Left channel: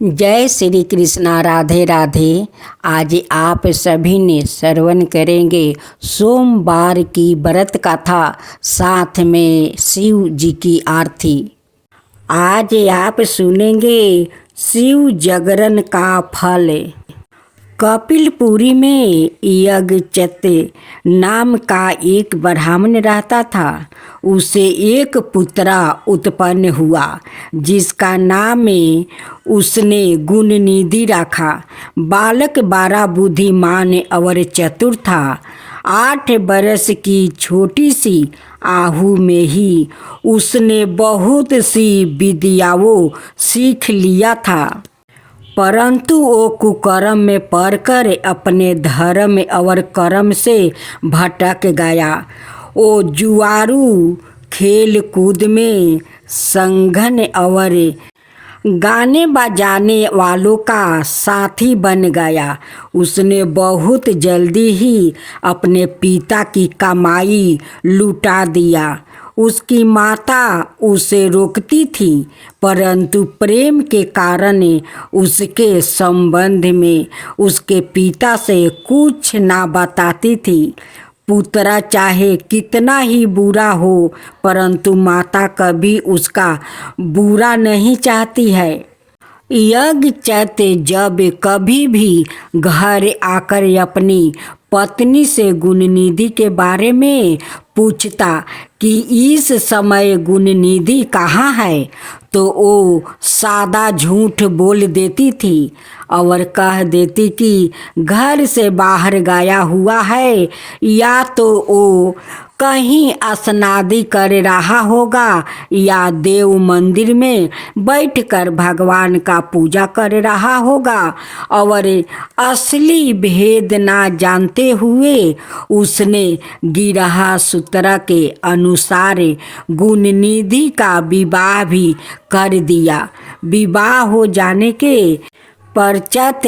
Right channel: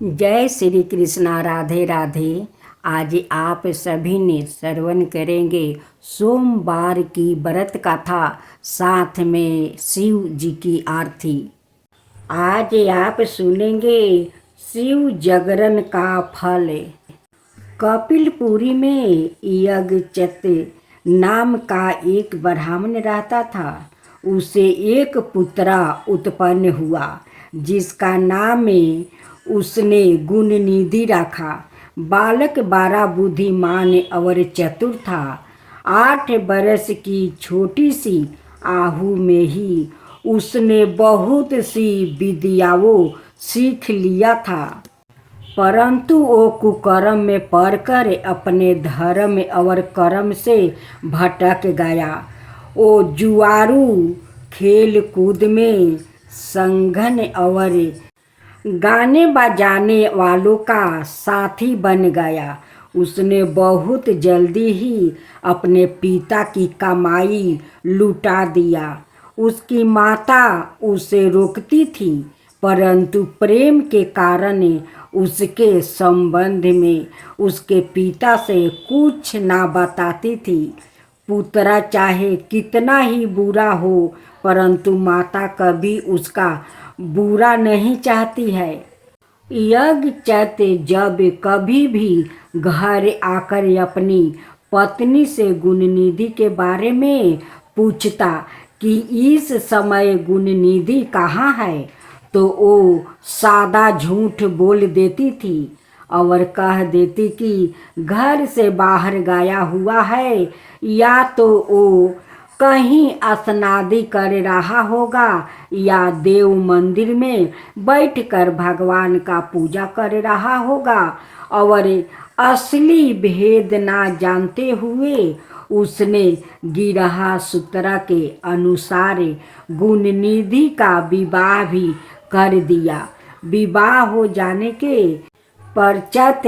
जय श्री कृष्णा। राधे राधे। आज आप सभी ने श्रवण करेंगे सोमवार की व्रत कथा, साथ में शिव जी की आरती। आज आप सुनेंगे शिव जागरण का फल। कपिलपुरी में यज्ञचत नाम का एक ब्राह्मण रहता था। उसे एक पुत्रा उत्पन्न हुआ जिसका नाम उसने गुणनिधि रखा। बालक बड़ा बुद्धिमान और चतुर था। 8 बरस की छोटी सी आहू में ही उसने बहुत सी विद्याओं सीख लिया था, परंतु वो कुकर्म में पड़कर अपने धर्म और कर्म से भटक गया। वो जुआरू खेल कूद में संघन और गाने बजाने वालों का साथी बन गया। उसने बहुत जल्दी ही अपने पिता की कमाई लुटा दिया। उसकी माता उसे रोकती थी, परंतु प्रेम के कारण उसके संबंध में उसके पिता से कुछ ना बताती थी। पुत्र चाहे कितना ही बुरा हो, परंतु माता कभी उसका बुरा नहीं चाहती है। यज्ञचत जब कभी भी घर आकर अपनी पत्नी से गुणनिधि के बारे में पूछता कि इस समय गुणनिधि कहाँ है, तो वो सादा झूठ बोल देती थी और कह देती कि घर से बाहर गया हुआ है, या तो वो कहीं स्नादि कर रहा होगा या देव मंदिर में बैठकर भगवान का पूजा कर रहा होगा। और असली भेद ना जानते हुए उसने गिरहा सूत्र के अनुसार गुणनिधि का विवाह भी कर दिया। विवाह हो जाने के पश्चात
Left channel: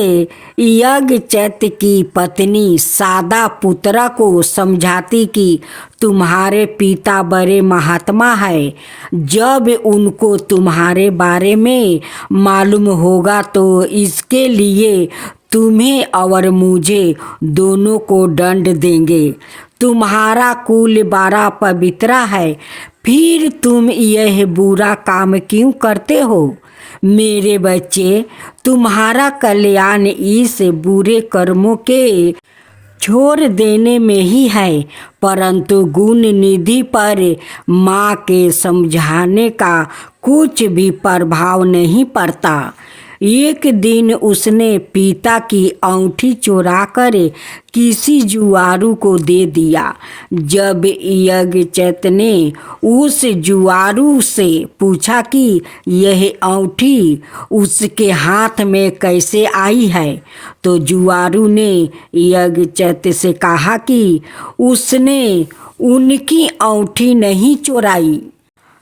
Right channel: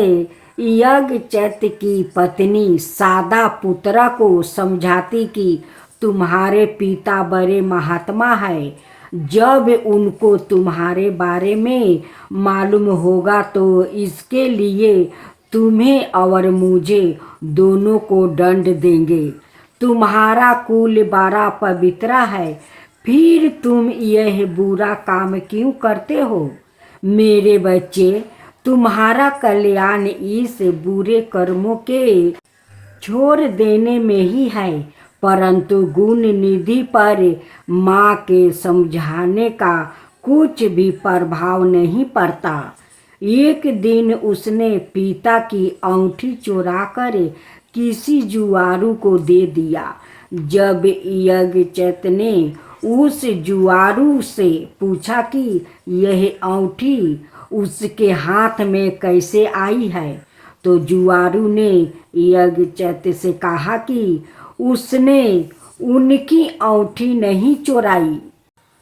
यज्ञचत की पत्नी सादा पुत्रा को समझाती कि तुम्हारे पिता बड़े महात्मा है। जब उनको तुम्हारे बारे में मालूम होगा तो इसके लिए तुम्हें और मुझे दोनों को दंड देंगे। तुम्हारा कुल बड़ा पवित्र है, फिर तुम यह बुरा काम क्यों करते हो? मेरे बच्चे, तुम्हारा कल्याण इस बुरे कर्मों के छोड़ देने में ही है, परंतु गुणनिधि पर माँ के समझाने का कुछ भी प्रभाव नहीं पड़ता। एक दिन उसने पिता की अंगूठी चुराकर किसी जुआरू को दे दिया। जब यज्ञचत ने उस जुआरू से पूछा कि यह अंगूठी उसके हाथ में कैसे आई है, तो जुआरू ने यज्ञचत से कहा कि उसने उनकी अंगूठी नहीं चुराई।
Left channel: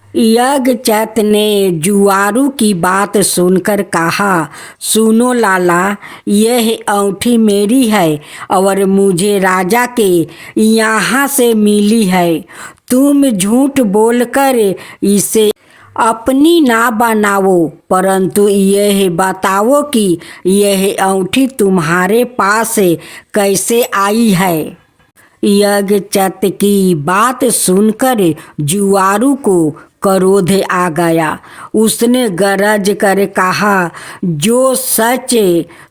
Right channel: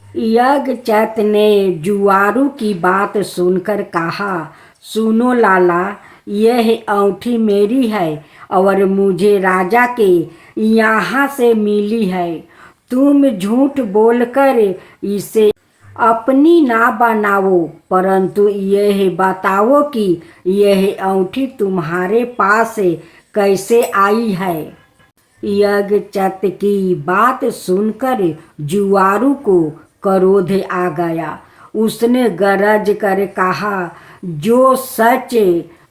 यज्ञचत ने जुआरू की बात सुनकर कहा, सुनो लाला, यह अंगूठी मेरी है और मुझे राजा के यहाँ से मिली है। तुम झूठ बोलकर इसे अपनी ना बनाओ, परंतु यह बताओ कि यह अंगूठी तुम्हारे पास कैसे आई है। यज्ञचत की बात सुनकर जुआरू को क्रोध आ गया। उसने गरज कर कहा, जो सच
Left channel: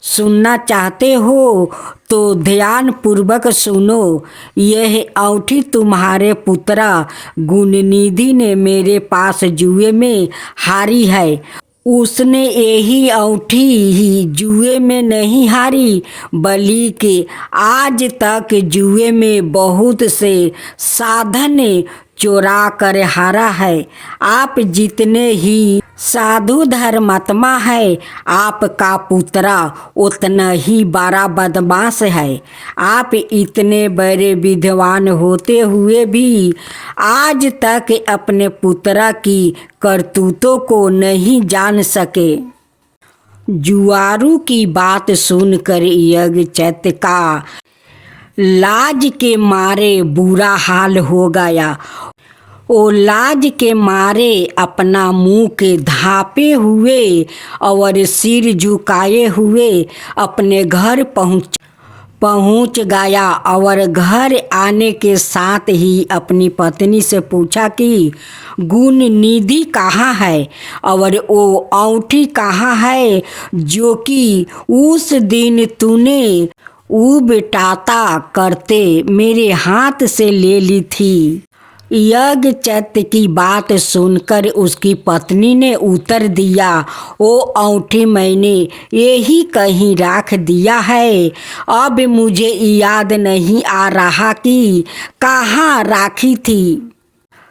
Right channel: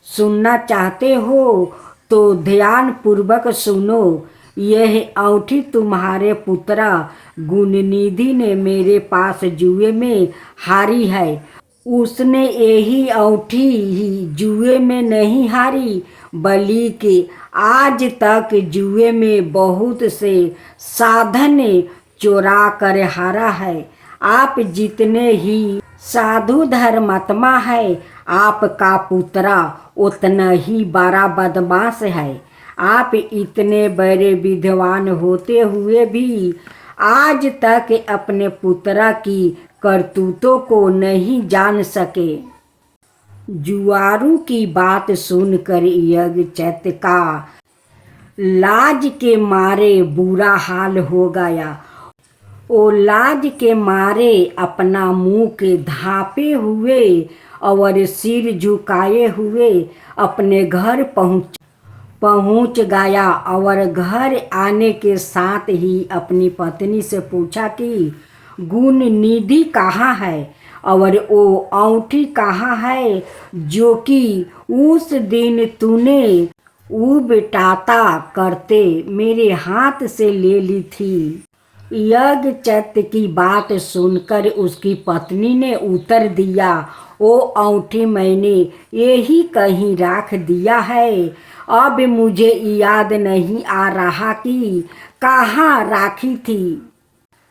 सुनना चाहते हो तो ध्यान पूर्वक सुनो। यह अंगूठी तुम्हारे पुत्र गुणनिधि ने मेरे पास जुए में हारी है। उसने यही अंगूठी ही जुए में नहीं हारी, बल्कि आज तक जुए में बहुत से साधन चोरा कर हारा है। आप जितने ही साधु धर्मात्मा है, आपका पुत्र उतना ही बड़ा बदमाश है। आप इतने बड़े विद्वान होते हुए भी आज तक अपने पुत्र की करतूतों को नहीं जान सके। जुआरू की बात सुनकर यज्ञचत का लाज के मारे बुरा हाल हो गया। ओ लाज के मारे अपना मुंह के धापे हुए और सिर झुकाए हुए अपने घर पहुंच गया और घर आने के साथ ही अपनी पत्नी से पूछा कि गुण निधि कहाँ है और वो औंठी कहाँ है जो कि उस दिन तूने उबटाता करते मेरे हाथ से ले ली थी। यज्ञचत की बात सुनकर उसकी पत्नी ने उत्तर दिया, ओ औंठी मैंने यही कहीं रख दिया है, अब मुझे याद नहीं आ रहा कि कहाँ राखी थी।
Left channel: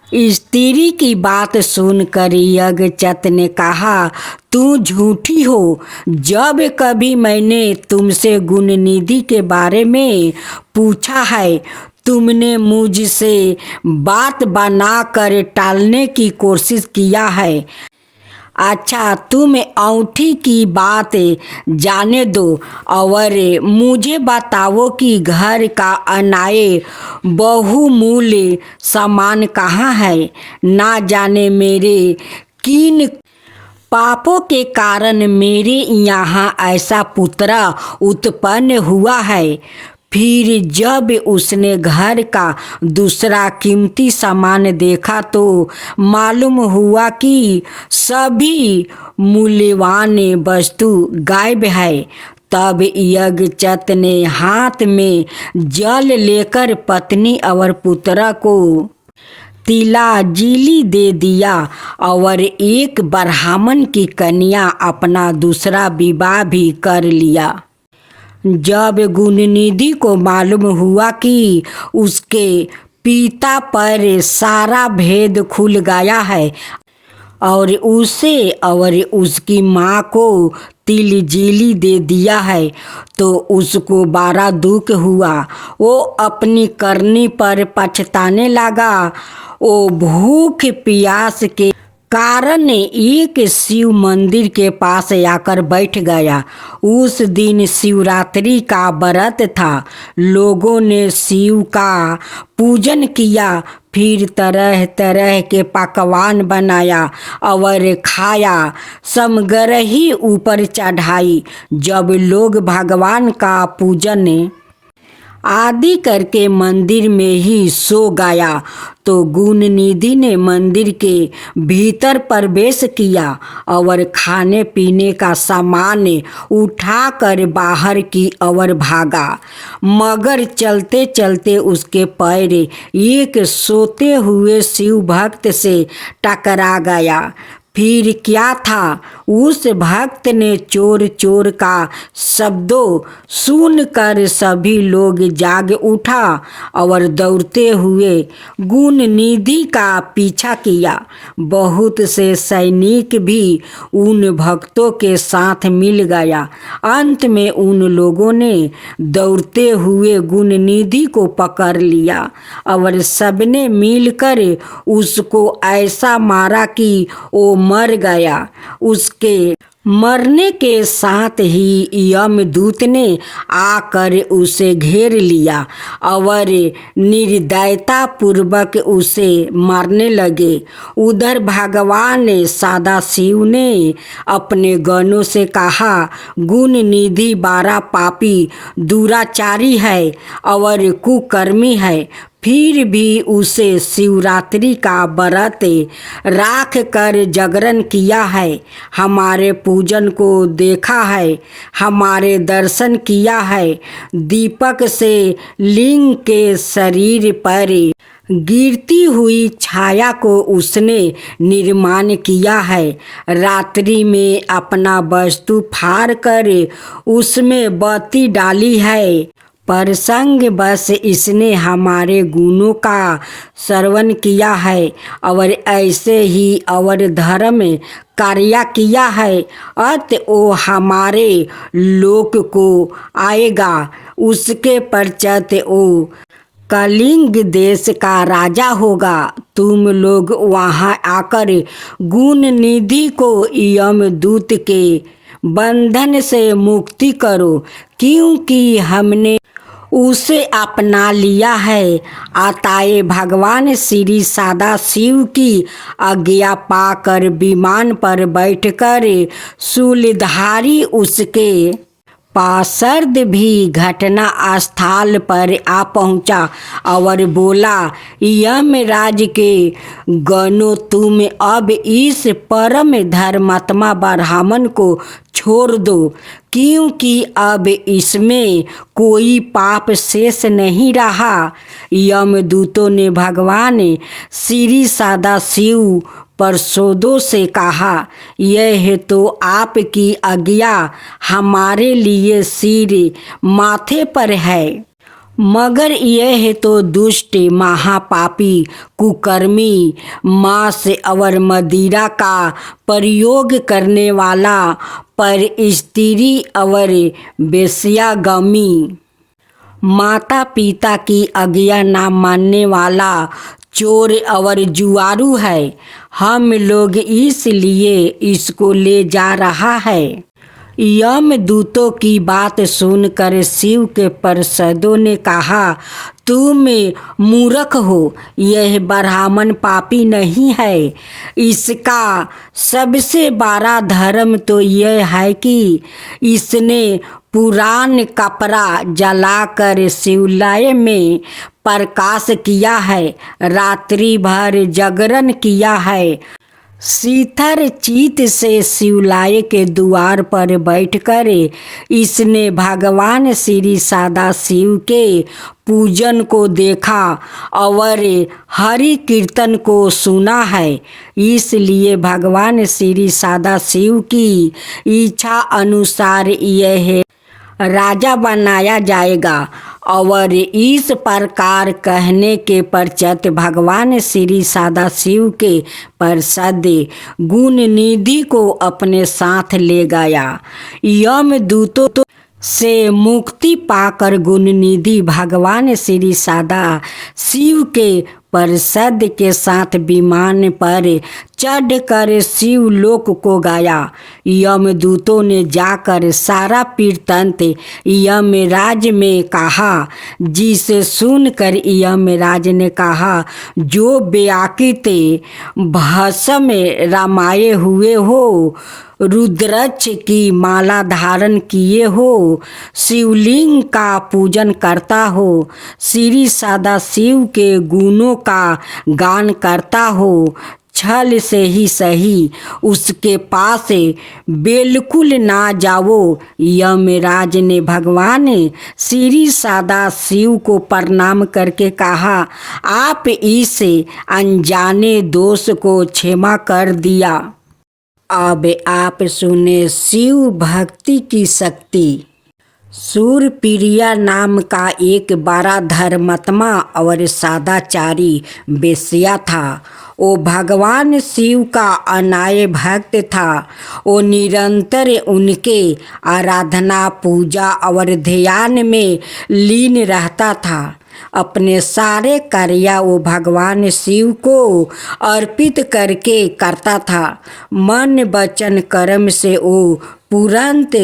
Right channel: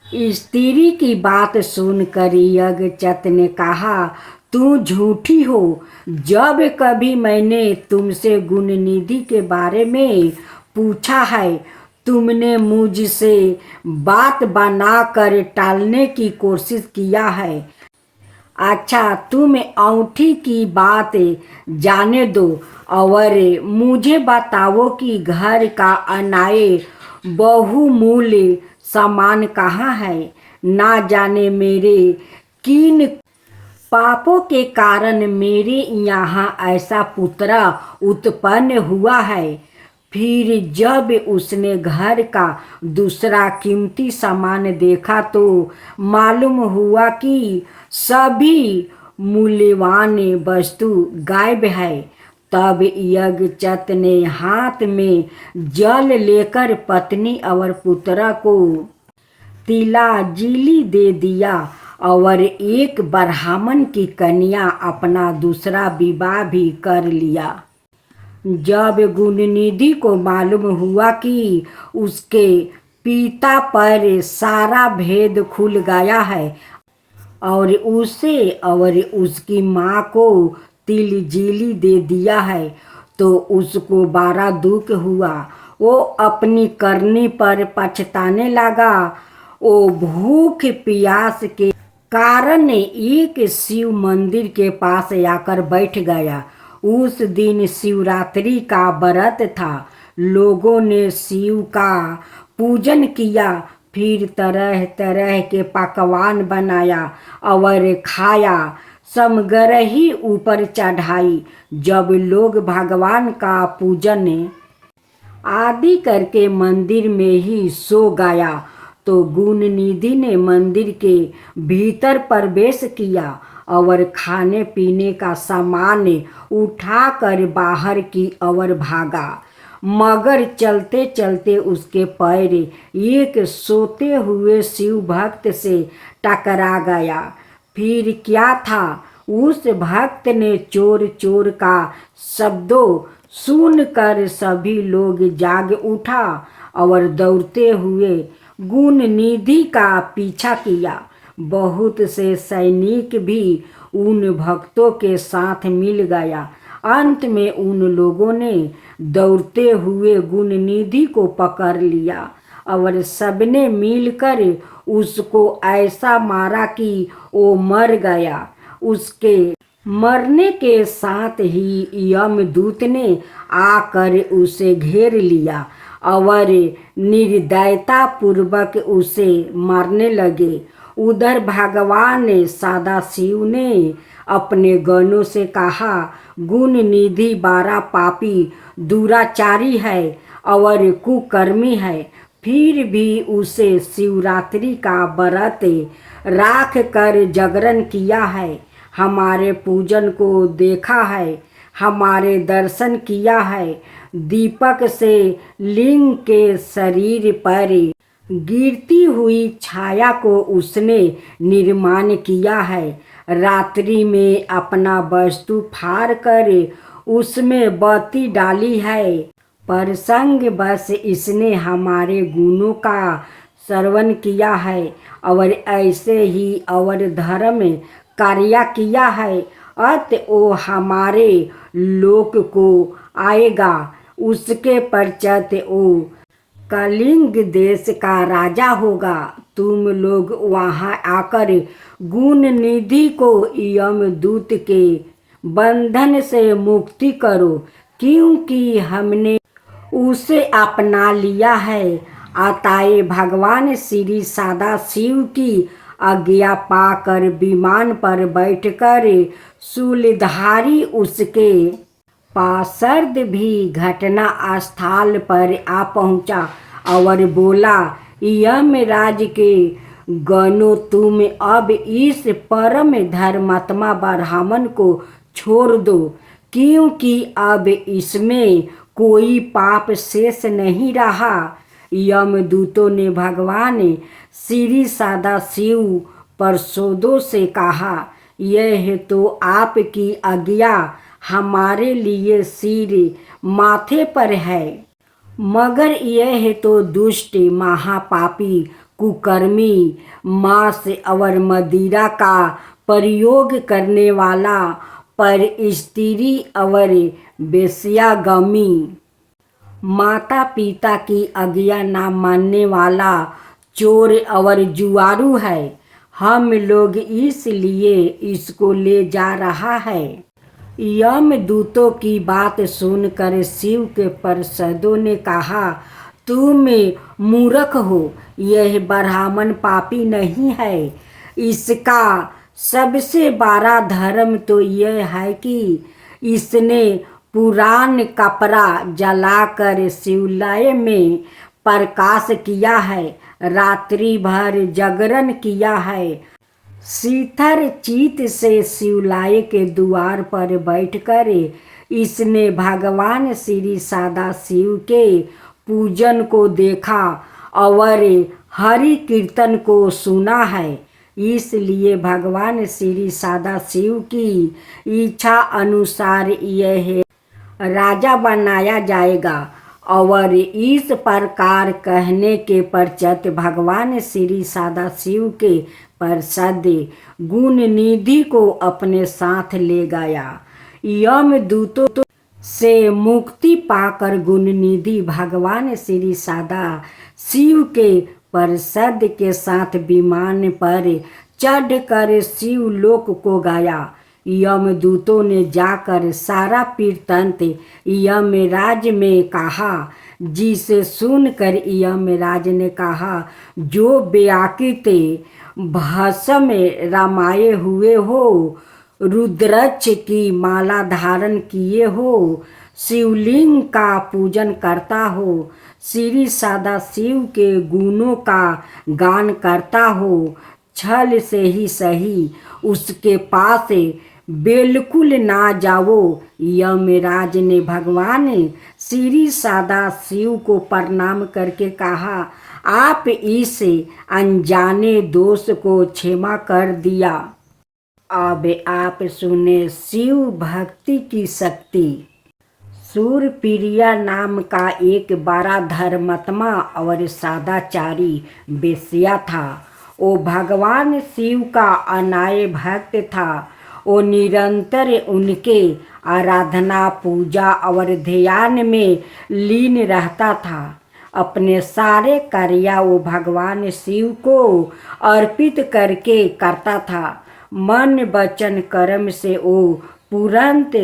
स्त्री की बात सुनकर यज्ञचत ने कहा, तू झूठी हो। जब कभी मैंने तुमसे गुणनिधि के बारे में पूछा है तुमने मुझसे बात बनाकर टालने की कोशिश किया है। अच्छा तुम औंठी की बात जाने दो और मुझे बताओ कि घर का अनाए बहुमूल्य सामान कहाँ है। ना जाने मेरे किन पापों के कारण मेरे यहाँ ऐसा पुत्र उत्पन्न हुआ है। फिर जब उसने घर का दूसरा कीमती सामान देखा तो मालूम हुआ कि सभी मूल्यवान वस्तु गायब है। तब यज्ञचत ने हाथ में जल लेकर पत्नी और पुत्र को तिलांजलि दे दिया और एक ब्राह्मण की कन्या अपना दूसरा विवाह भी कर लिया। जब गुणनिधि को मालूम हुआ कि उसके पिता पर सारा भेद खुल गया है और उसे और उसकी माँ को तिलजीली दे दिया है तो उसको बड़ा दुख हुआ। वो अपनी करनी पर पछताने लगा। वो भूख प्यास के कारण एक शिव मंदिर के पास आकर बैठ गया। उस दिन शिवरात्रि का व्रत था। लोगों ने शिव का पूजन किया, फिर तरह तरह के पकवान बनाया और खाया, समग्रही ऊपर चढ़ाई। जब लोग भगवान का पूजन आदि करके मंदिर में ही सो गया तो गुणनिधि ने मंदिर के भीतर प्रवेश किया और खाने पीने का सामान उठाकर बाहर की ओर भागा, मगर चलते चलते उसके पैर एक सोते हुए शिव भक्त से टकरा गया। फिर क्या था, उस भक्त ने चोर चोर का शब्दों सुनकर सभी लोग जाग उठा और दौड़ते हुए गुणनिधि का पीछा किया। बहुत से सैनिक भी उन भक्तों के साथ मिल गया। अंत में उन लोगों ने दौड़ते हुए गुणनिधि को पकड़ लिया और सबने मिलकर उसको ऐसा मारा कि वो मर गया। उसके मरने के साथ ही यमदूत ने आकर उसे घेर लिया और निर्दयता पूर्वक उसे मारने लगे। उधर भगवान सदाशिव ने अपने गणों से कहा, गुणनिधि बड़ा पापी दुराचारी है और कुकर्मी है, फिर भी उसे शिवरात्रि का व्रत राख कर जागरण किया है, हमारे पूजन को देखा है, हमारे दर्शन किया है। दीपक से लिंग के शरीर पर गिरती हुई छाया को उसने निर्माण किया है। रात्रि में अपना वस्तु फाड़ कर उसमें बत्ती डाली है। प्रसंग बस इसने हमारे गुणों का श्रवण किया है और ऐसे ही और धर्म कार्य किया है। अत वो हमारे लोक को आएगा। उसके पश्चात वो कलिंग देश का राजा होगा। तुम लोग वहाँ आकर गुणनिधि को यमदूत के बंधन से मुक्ति करो, क्योंकि हमने उसे अपना लिया है। आताए भगवान श्री सदा शिव की आज्ञा पाकर विमान पर बैठकर शूलधारी उसके पार्षद भी घटना स्थल पर आ पहुंचा और बोला, यमराज के गणों, तुम अब इस परम धर्मात्मा ब्राह्मण को छोड़ दो, क्योंकि अब इसमें कोई पाप शेष नहीं रहा। यमदूतों ने भगवान श्री सदाशिव पार्षदों से कहा, यह तो आपकी आज्ञा हमारे लिए सिर माथे पर है, मगर यह तो दुष्ट महापापी कुकर्मी मांस और मदिरा का प्रयोग करने वाला पर स्त्री और वेश्यागामी माता पिता की आज्ञा न मानने वाला चोर और जुआरू है। हम लोग इसलिए इसको ले जा रहा है। यमदूतों की बात सुनकर शिव के पार्षदों ने कहा, तुम मूर्ख हो, यह ब्राह्मण पापी नहीं है। इसका सबसे बड़ा धर्म तो यह है कि इसने पुरान कपड़ा जलाकर शिवालय में प्रकाश किया है, रात्रि भर जागरण किया है। शीतल चित से शिवालय के द्वार पर बैठकर इसने भगवान श्री सदाशिव के पूजन को देखा और हरि कीर्तन को सुना है। इसलिए भगवान श्री सदाशिव की इच्छा अनुसार यह राजा बनाया जाएगा। और इस प्रकार कहने के पश्चात भगवान श्री सदाशिव के पार्षद गुणनिधि को अपने साथ ले गया। यमदूतों से मुक्ति पाकर गुणनिधि भगवान श्री सदाशिव के पार्षद के साथ विमान पर चढ़कर शिवलोक को गया। यमदूतों ने जाकर सारा वृत्तांत यमराज में कहा, जिसे सुनकर यमराज ने कहा, जो व्याकृत भस्म रामाये हुए हो, रुद्राक्ष की माला धारण किए हो, शिवलिंग का पूजन करता हो, श्री सदाशिव के गुणों का गान करता हो, छल से ही सही उसके पास बिल्कुल ना जाओ। यमराज ने भगवान श्री सदाशिव को प्रणाम करके कहा, आप इस अनजाने दोष को क्षमा कर दिया। अब आप सुने शिव भक्ति की शक्ति। सूरप्रिया नाम का एक बड़ा धर्मात्मा और सदाचारी वेश्या था। वो भगवान शिव का अनाय भक्त था। वो निरंतर उनके आराधना, पूजा और ध्यान में लीन रहता था। अपने सारे कार्य वो भगवान शिव को अर्पित करके करता था। मन वचन कर्म से वो तुरंत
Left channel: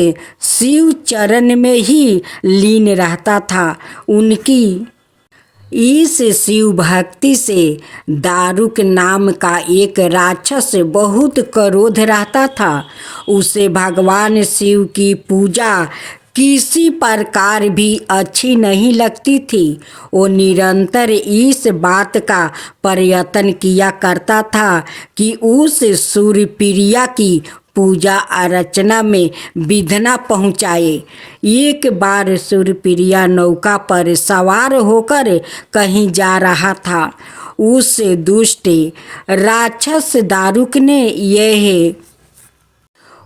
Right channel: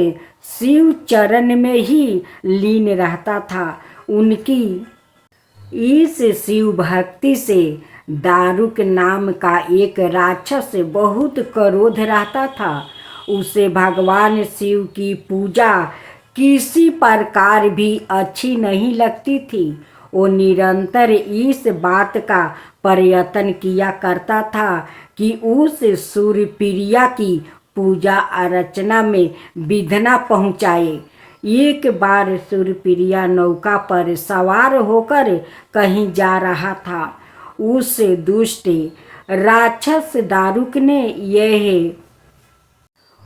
शिव चरण में ही लीन रहता था। उनकी इस शिव भक्ति से दारुक नाम का एक राक्षस बहुत क्रोध रहता था। उसे भगवान शिव की पूजा किसी प्रकार भी अच्छी नहीं लगती थी। वो निरंतर इस बात का प्रयत्न किया करता था कि उस सूरप्रिया की पूजा अर्चना में विघ्न पहुँचाए। एक बार सूरप्रिया नौका पर सवार होकर कहीं जा रहा था। उस दुष्ट राक्षस दारुक ने यह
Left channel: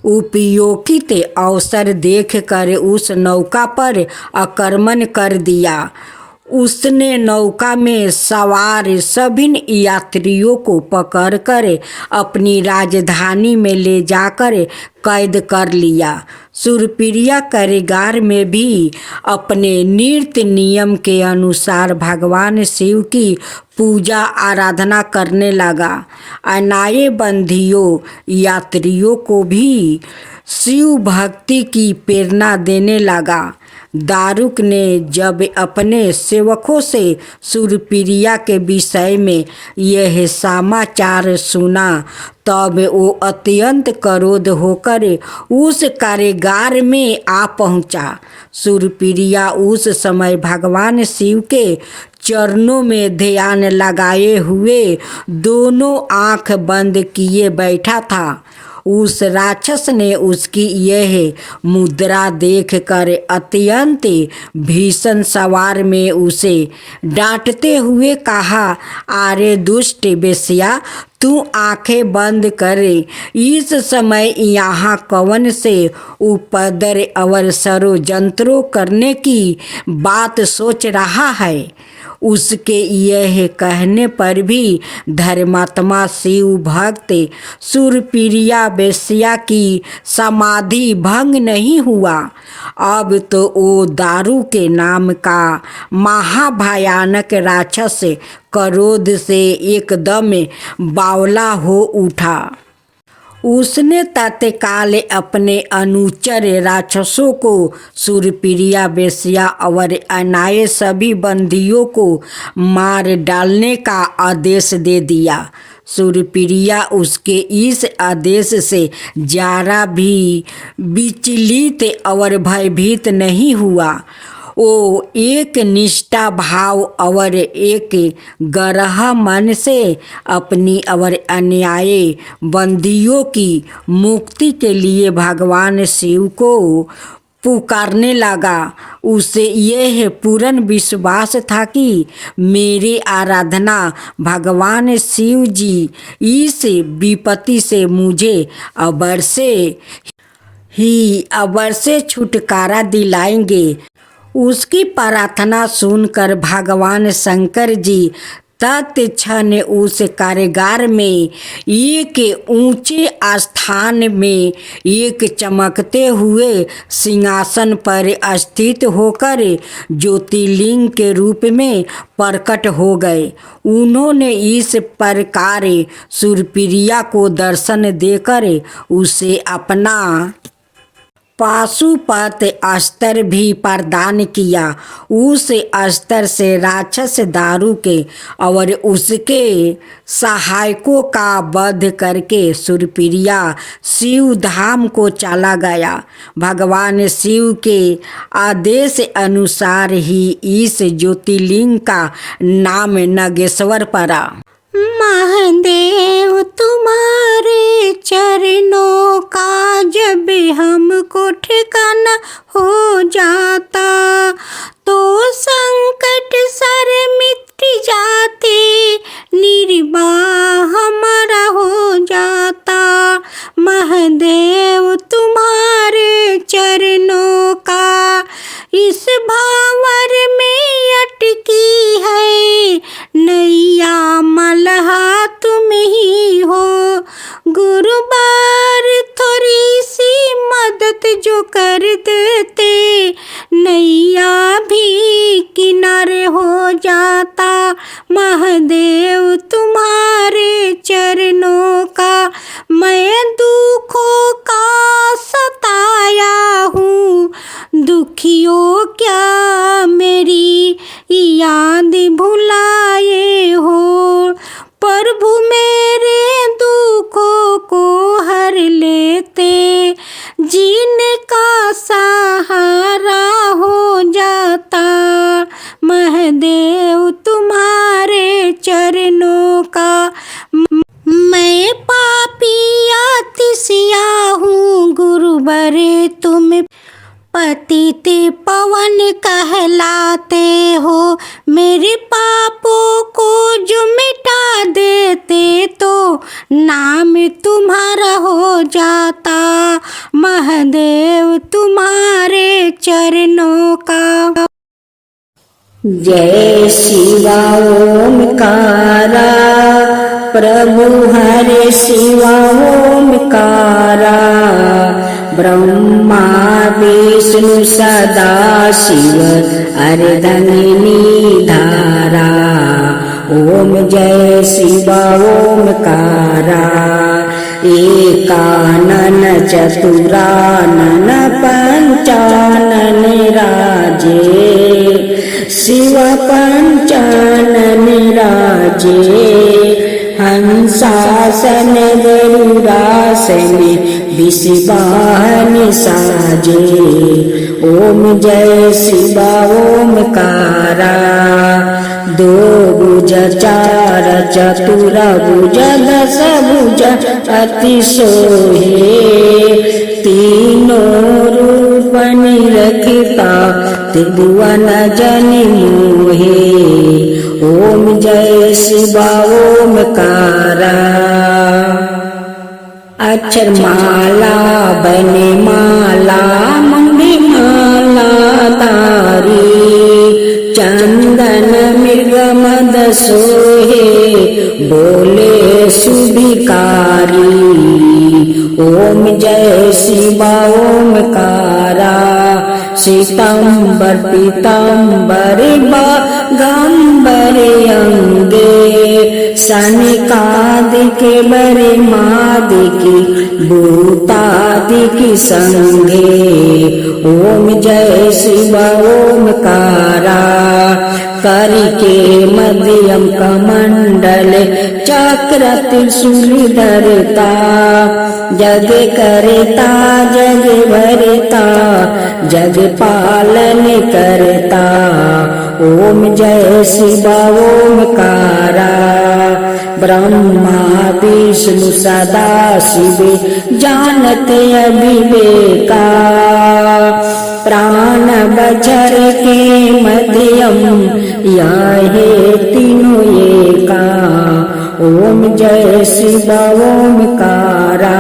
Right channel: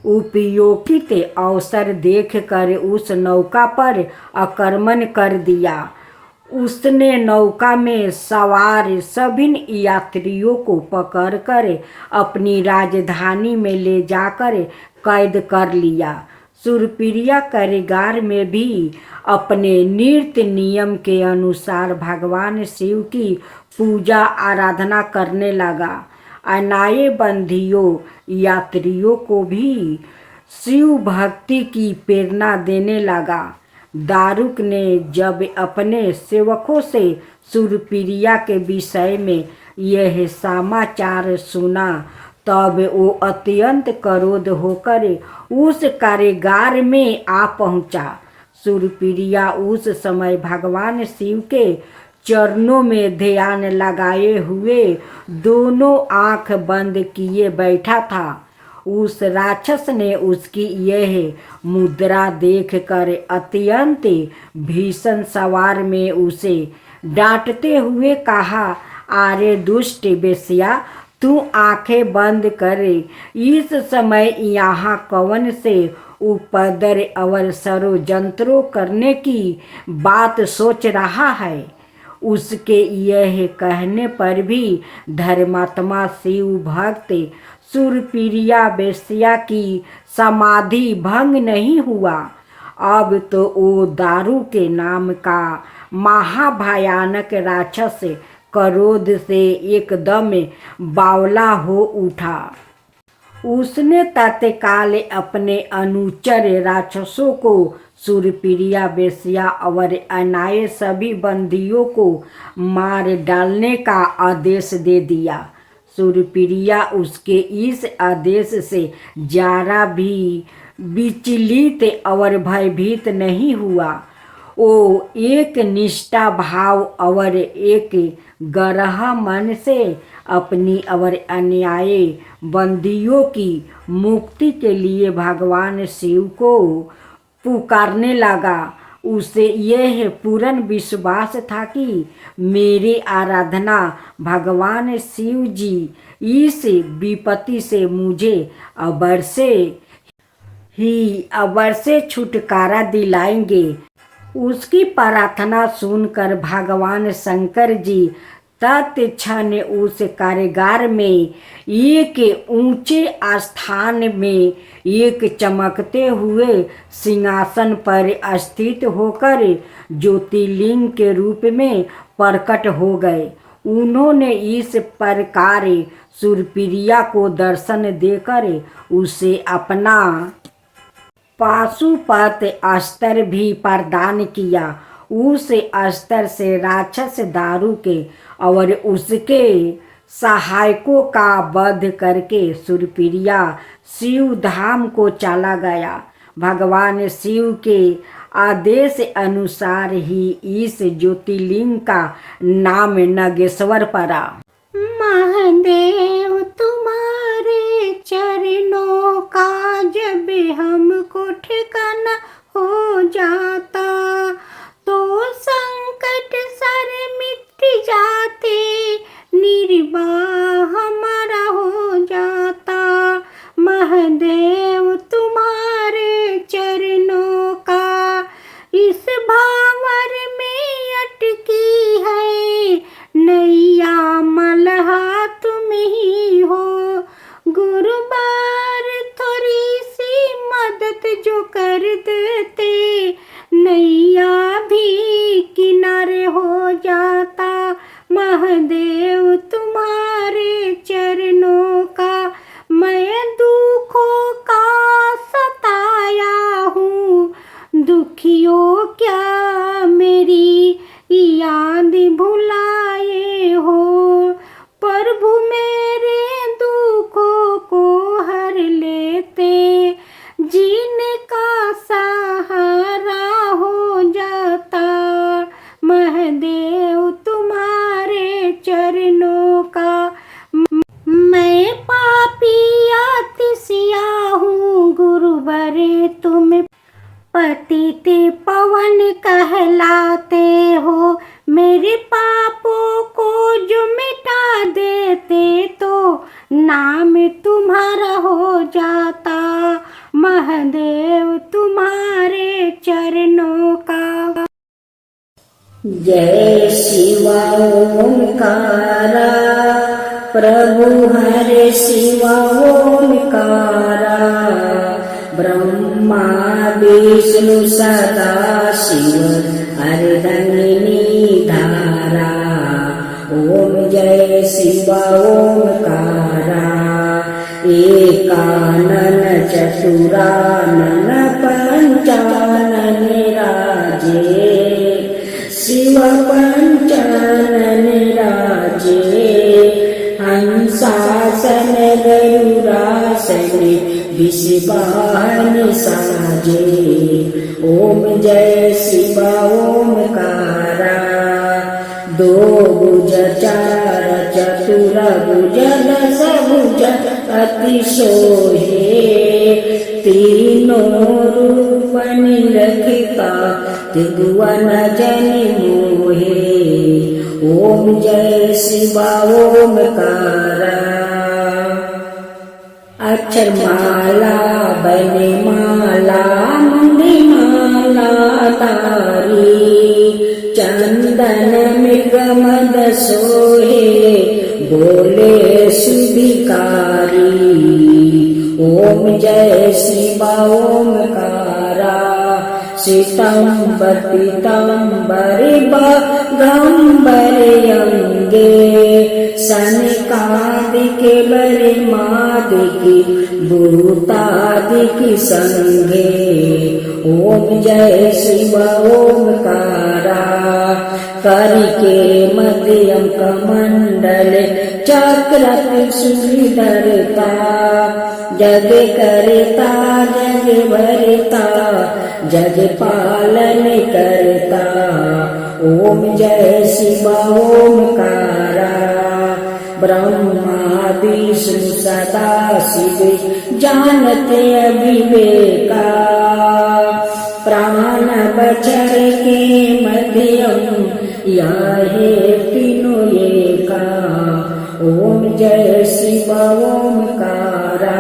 उपयोगित अवसर देखकर उस नौका पर आक्रमण कर दिया। उसने नौका में सवार सभी यात्रियों को पकड़कर अपनी राजधानी में ले जाकर कैद कर लिया। सूरप्रिया कारागार में भी अपने नित्य नियम के अनुसार भगवान शिव की पूजा आराधना करने लगा। अनाये बंदियों यात्रियों को भी शिव भक्ति की प्रेरणा देने लगा। दारुक ने जब अपने सेवकों से सुरप्रिया के विषय में यह समाचार सुना तब वो अत्यंत क्रोध होकर उस कारागार में आ पहुंचा। सुरप्रिया उस समय भगवान शिव के चरणों में ध्यान लगाए हुए दोनों आंख बंद किए बैठा था। उस राक्षस ने उसकी यह मुद्रा देखकर अत्यंत भीषण स्वर में उसे डांटते हुए कहा, अरे दुष्ट बेश्या, तू आंखें बंद करे इस समय यहाँ कौन से उपद्रव और षड्यंत्रों करने की बात सोच रहा है। उसके यह कहने पर भी धर्मात्मा शिव भक्त सुरप्रिया वेश्या की समाधि भंग नहीं हुआ। अब तो वो दारू के नाम का महाभयानक राक्षस क्रोध से एकदम बावला हो उठा। उसने तत्काल अपने अनुचर राक्षसों को सुरप्रिया वेश्या और अन्य सभी बंदियों को मार डालने का आदेश दे दिया। सुरप्रिया उसके इस आदेश से जरा भी विचलित और भयभीत नहीं हुआ। वो एक निष्ठा भाव और एक गहरा मन से अपनी और अन्यायी बंदियों की मुक्ति के लिए भगवान शिव को पुकारने लगा। उसे यह पूर्ण विश्वास था कि मेरी आराधना भगवान शिव जी इस विपत्ति से मुझे अवश्य छुटकारा दिलाएंगे। उसकी प्रार्थना सुनकर भगवान शंकर जी तत्क्षण उस कारागार में एक ऊंचे स्थान में एक चमकते हुए सिंहासन पर स्थित होकर ज्योतिर्लिंग के रूप में प्रकट हो गए। उन्होंने इस प्रकार सुरप्रिया को दर्शन देकर उसे अपना पाशुपत अस्त्र भी प्रदान किया। उस अस्त्र से राक्षस दारू के और उसके सहायकों का वध करके सुरप्रिया शिव धाम को चला गया। भगवान शिव के आदेश अनुसार ही इस ज्योतिर्लिंग का नाम नागेश्वर पड़ा। महादेव तुम्हारे चरणों का जब हमको ठिकाना हो जाता तो संकट सारे मिट जाते, निर्वाह हमारा हो जाता। महादेव तुम्हारे चरणों का इस भावर में अटकी है नैया, मलहा तुम ही हो। गुरुबार थोड़ी सी मदद जो कर देते नैया भी किनारे हो जाता। महादेव तुम्हारे चरणों का मैं दुखों का सताया हूँ, दुखियों क्या मेरी याद भुलाए हो। प्रभु मेरे दुखों को हर लेते, जिनका सहारा हो जाता। महादेव तुम्हारे चरणों का मैं पापी अतिशया हूँ, गुरुवरे तुम पतित पवन कहलाते हो। मेरे पापों को जो मिटा देते तो नाम तुम्हारा हो जाता। महादेव तुम्हारे चरणों का जय शिवा ओमकारा, प्रभु हरे शिवा ओमकारा। ब्रह्मा विष्णु सदा शिव अर्धंगिनी धारा। ओम जय शिवा ओमकारा। एकानन चतुरानन पंचानन निराधारा। नाचे, हंसासन गरुड़ासन विषवाहन साजे। ओम जय शिवा ओमकारा, दो भुज चार चतुर भुज दस भुज अति सोहे, तीनों रूप निरखता त्रिभुवन जनि मोहे। ओम जय शिवा ओमकारा। अक्षर माला बने माला मंगी माला तारी, चंदन मृग मद सोहे बोले सुभिकारी। ओम जय शिवा ओमकारा, श्वेतांबर पीतांबर बागंबर अंगे, सनकादिके बरे मादिके भूतादिके संगे। ओम जय शिवा ओमकारा, करिके मध्यम कमंडल चक्र त्रिशूल धरता, जग करता जग भरता जग पालन करता। ओम जय शिवा ओमकारा, ब्रह्मा विष्णु सदा शिव जानते अविवेका, प्राण बचर के मध्यम याहे तीनों एका। ओम जय शिवा ओमकारा,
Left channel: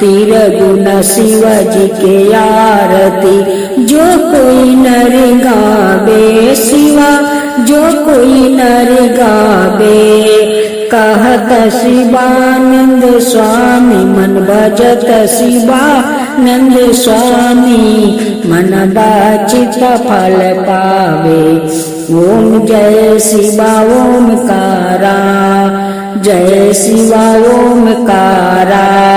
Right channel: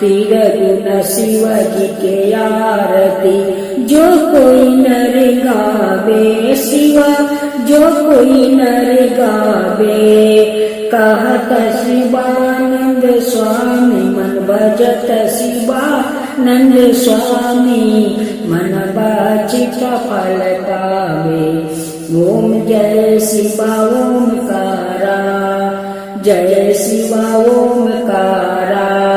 तिरगुण शिव जी के आरती जो कोई नर गावे, शिवा जो कोई नर गावे। कहत शिवानंद स्वामी मन भजत शिवानंद स्वामी, मन वांछित फल पावे। ओम जय शिवा ओमकारा, जय शिवा ओमकारा।